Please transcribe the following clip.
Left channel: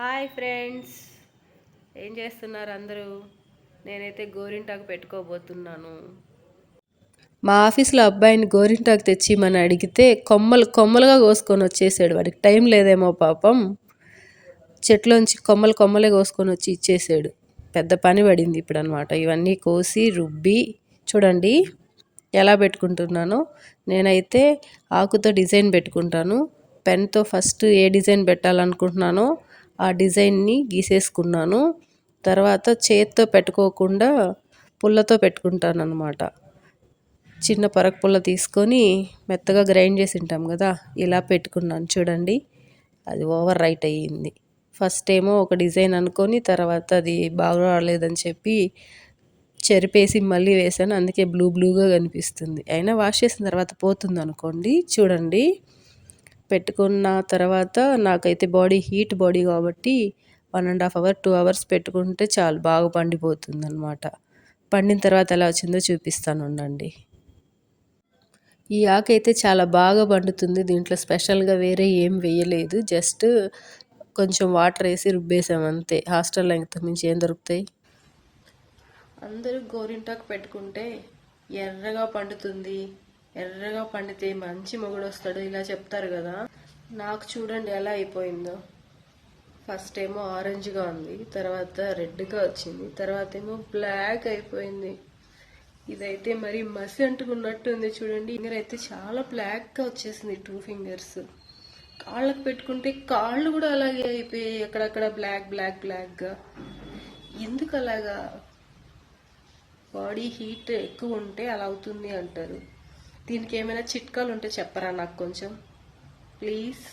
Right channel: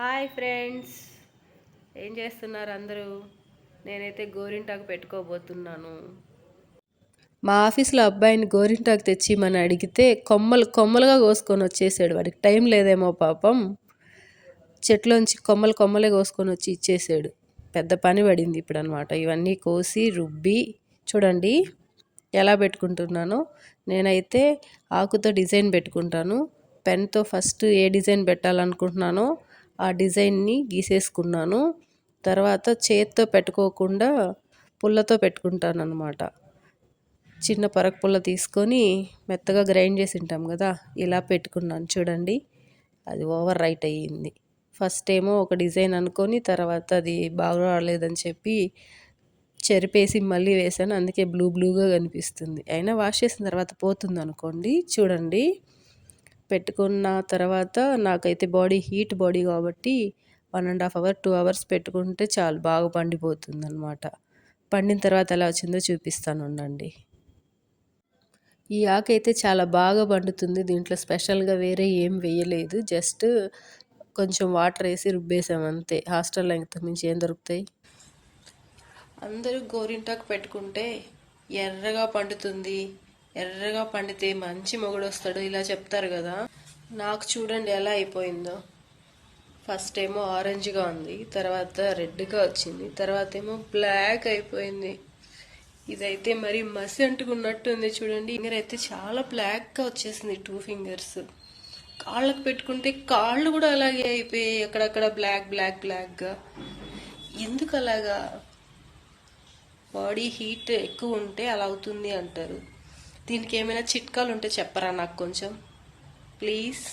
Hi friends, ఏం చేస్తున్నారు అందరూ? నేనైతే గోరింటాకు పెట్టుకోబోతున్నాను. మా ఆఫీస్లో అబ్బాయిని గోరింటాకు తెచ్చి మన అడిగితే కొమ్మలు కొమ్మలుగా కోసుకొని వచ్చేసాడు. వాడికి టైం లేదేమో పాపం, చెట్లోంచి కొమ్మలు కొమ్మలే కోసుకొని వచ్చి ఇచ్చేసాడు. పెద్ద పని పడింది ఇప్పుడు అనమాట. ఇవన్నీ కోసి రుబ్బి చూడండి ఎలా పెట్టుకుంటున్నానో. నేనైతే ఆకుతో డిజైన్ పెట్టుకుంటాను. పెన్తో ఫస్ట్ ఏ డిజైన్ పెట్టాలనుకుంటున్నానో ఆ డిజైన్ని గీసేసుకున్నాను. తర్వాత చేత్తో పెట్టుకోకుండా పుల్లతో పెట్టుకుంటాను అనమాట. చిన్న పరకు పుల్ల తీసుకొని మెత్తగా గ్రైండ్ చేసి ఉంటాం కదా, ఇలా పెట్టుకున్నాను చూడండి. అది ఓవర్ రైట్ అయ్యింది. ఫస్ట్ ఏమో ఒక డిజైన్ అనుకొని తర్వాత అది బాగా రాలేదని చెప్పి చెరిపేసి మళ్ళీ వేసాను. అందుకే బ్లూగా కనిపిస్తుంది. అయినా వాష్ చేసిన తర్వాత పోతుంది అనుకోండి. చూడండి, పెట్టుకున్న తర్వాత నాకైతే హీట్ బాడీ కాబట్టి 1.5 hour 2 hours పెట్టుకుంటే చాలు, బాగా పండిపోతుంది అనమాట. పండిన తర్వాత ఎలా వచ్చిందో చూపిస్తాను ఉండండి. ఈ ఆకు అయితే చాలా బాగా పండుతుంది. దీంట్లో స్పెషల్గా వేరే ఏం వేయలేదు, జస్ట్ కొంచెం వాటర్ వేసి రుబ్బేసాం అంతే. హాస్టల్లో ఇంతకు మించి ఏం దొరుకుతాయి? అందరూ గోరింటాకు పెట్టుకుంటే ఎర్రగా పండుతుంది, ఎర్రగా పండితే మంచి మొగుడు వస్తాడు ఇలా చెప్తారు కదా. నాకు చూడండి ఎలా అయిపోయిందో. ఫస్ట్ ఏమో ఆరెంజ్గా ఉంది, తర్వాత రెడ్గా వచ్చింది, తర్వాత ఏమో బ్లాక్ అయిపోయింది. ఇదైతే మరి మసి అంటుకున్నట్టు ఉంది చూడండి. ఫింగర్ అయితే చాలా బ్లాక్గా వచ్చేసింది, 2 fingers. కాళ్ళకు పెట్టుకుంటే కాళ్ళు కూడా అలాగే అయిపోయాయి, అక్కడక్కడ బ్లాక్గా. ఎందుకు అలాగా? బాడీ హీట్ ఎక్కువ ఉంటే అలా అవుతుంది అంటారు. దీనికి ఏమైనా చిట్కాలు ఉంటే చెప్పరా నాకు కొంచెం ప్లీజ్.